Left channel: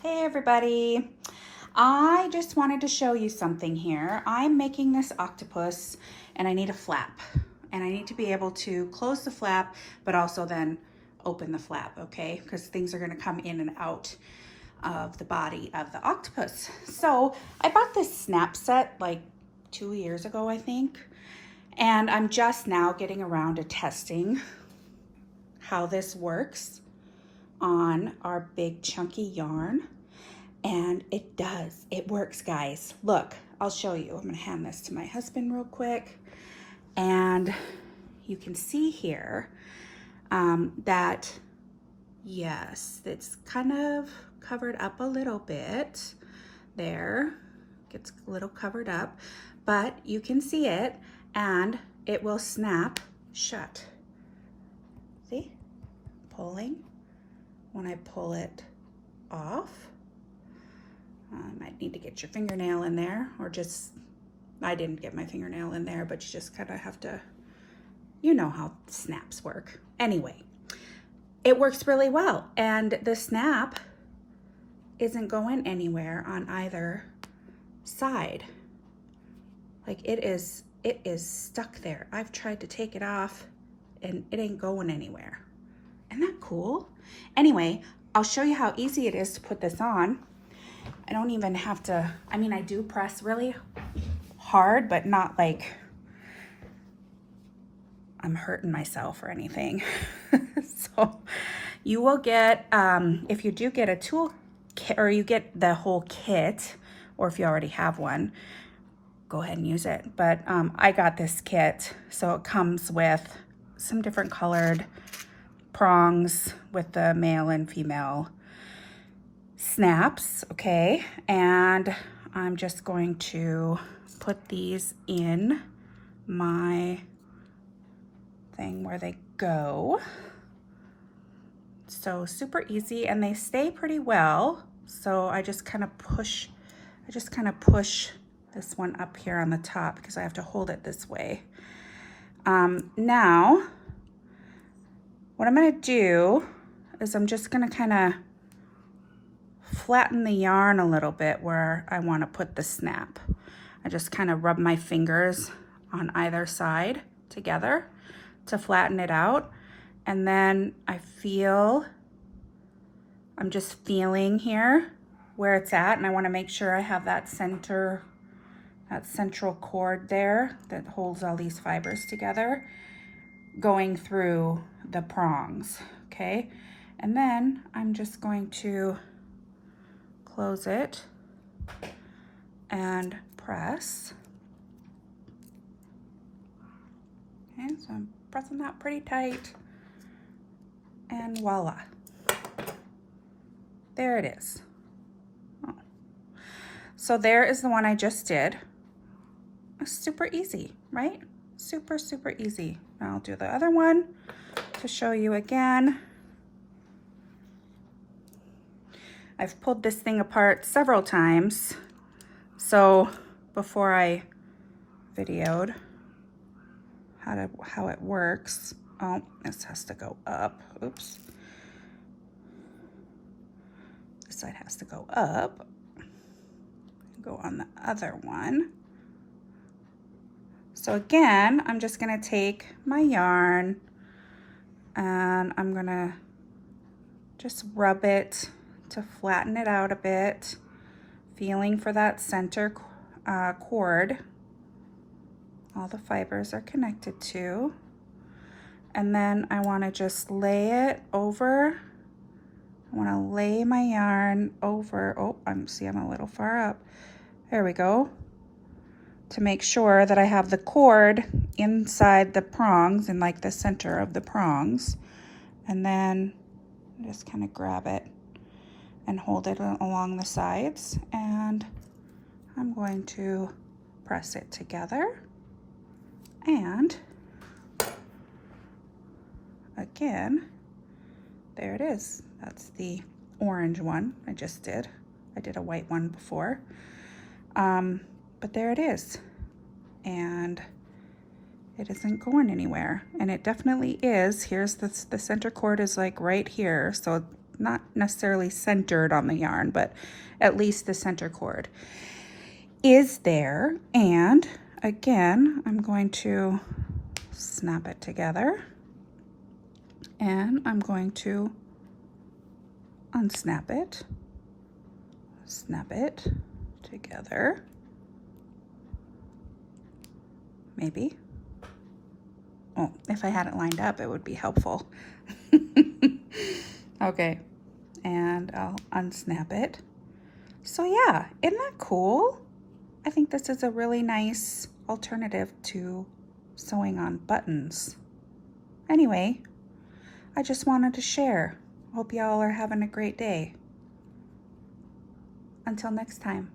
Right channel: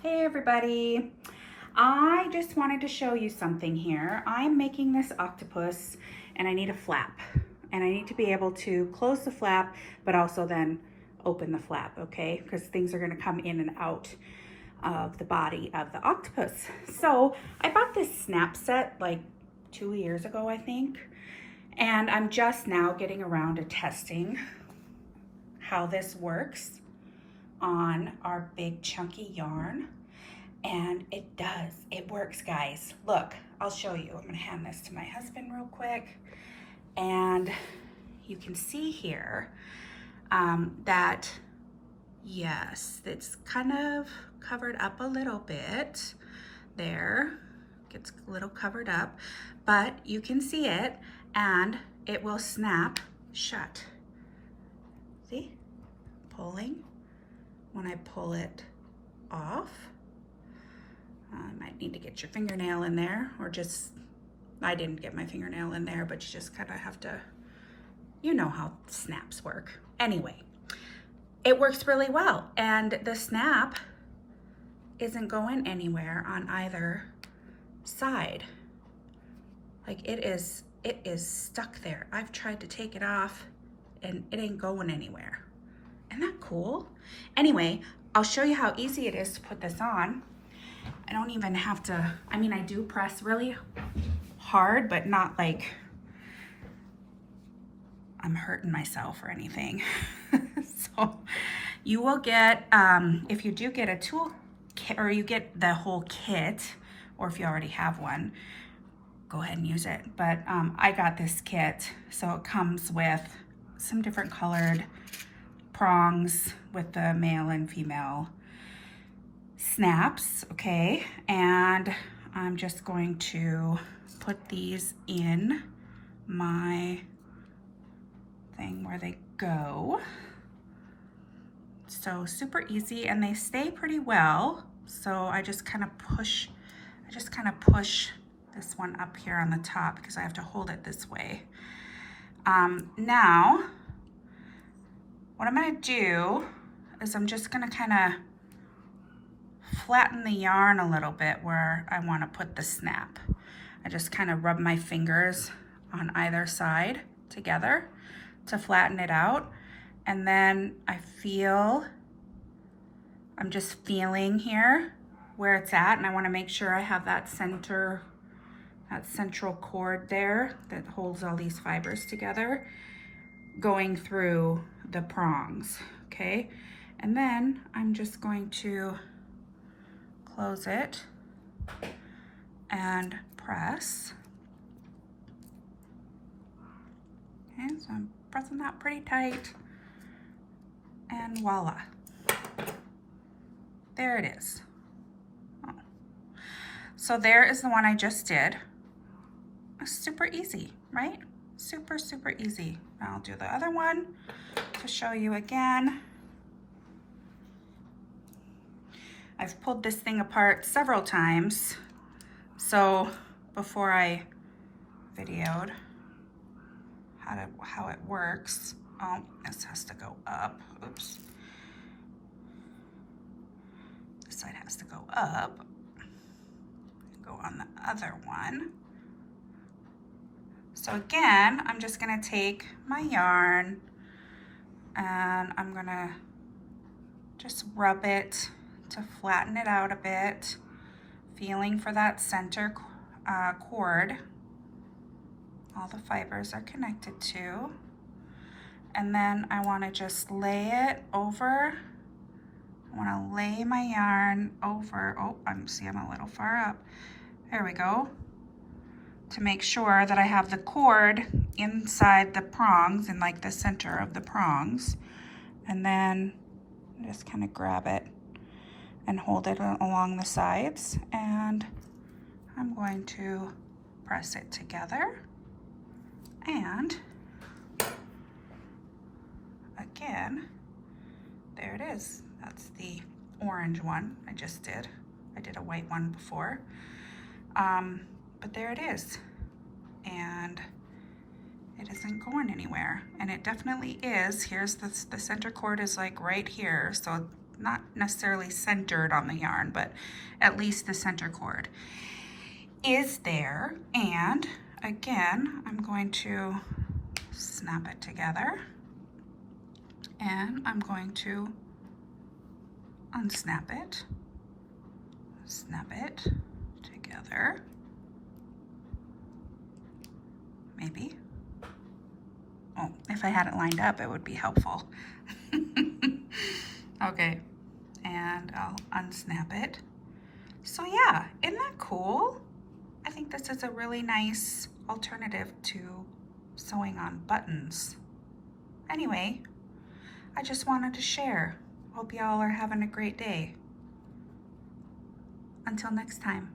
Hey everybody, I just wanted to show you something here. I'm making this octopus and I need a flap and I need to be able to close the flap but also then open the flap, okay? Because things are going to come in and out of the body of the octopus. So I bought this snap set like 2 years ago, I think, and I'm just now getting around to testing how this works on our big chunky yarn. And it works, guys. Look, I'll show you. I'm gonna hand this to my husband real quick. And you can see here that, yes, it's kind of covered up a little bit there. Gets a little covered up, but you can see it and it will snap shut. See, pulling. When I pull it off, I might need to get your fingernail in there, or just, I didn't get my fingernail in there, but you just kind of have to, you know how snaps work. Anyway, it works really well, and the snap isn't going anywhere on either side. Like it is stuck there. I've tried to take it off and it ain't going anywhere. Isn't that cool? Anyway, I'll show you how easy it is to put this on. I don't even have to, I mean, I do press really hard, but not like I'm hurting myself or anything. So you will get, if you do get a tool kit, or you get the whole kit, or if you already have one, go ahead and use it. But I got this kit, so it comes with some different colored prongs with the male and female snaps, okay? And I'm just going to put these in my thing where they go. So super easy, and they stay pretty well. So I just kind of push this one up here on the top because I have to hold it this way. Now, what I'm gonna do is I'm just gonna kind of flatten the yarn a little bit where I want to put the snap. I just kind of rub my fingers on either side together to flatten it out. And then I'm just feeling here where it's at, and I want to make sure I have that central cord there that holds all these fibers together going through the prongs, okay? And then I'm just going to close it and press. And so I'm pressing that pretty tight, and voila. There it is. Oh. So there is the one I just did. It's super easy, right? Super, super easy. I'll do the other one to show you again. I've pulled this thing apart several times. So before I videoed how it works. Oh, this has to go up. Oops. This side has to go up. Go on the other one. So again, I'm just gonna take my yarn and I'm gonna just rub it to flatten it out a bit, feeling for that center cord. All the fibers are connected to. And then I want to just lay it over. I want to lay my yarn over. Oh, I'm a little far up. There we go. To make sure that I have the cord inside the prongs, in like the center of the prongs. And then just kind of grab it and hold it along the sides, and I'm going to press it together, and again, there it is. That's the orange one I just did. I did a white one before, but there it is, and it isn't going anywhere, and it definitely is. Here's the center cord is like right here, so not necessarily centered on the yarn, but at least the center cord is there. And again, I'm going to snap it together, and I'm going to unsnap it, snap it together, maybe. Oh, if I had it lined up, it would be helpful. Okay, and I'll unsnap it. So yeah, isn't that cool? I think this is a really nice alternative to sewing on buttons. Anyway, I just wanted to share. Hope y'all are having a great day. Until next time.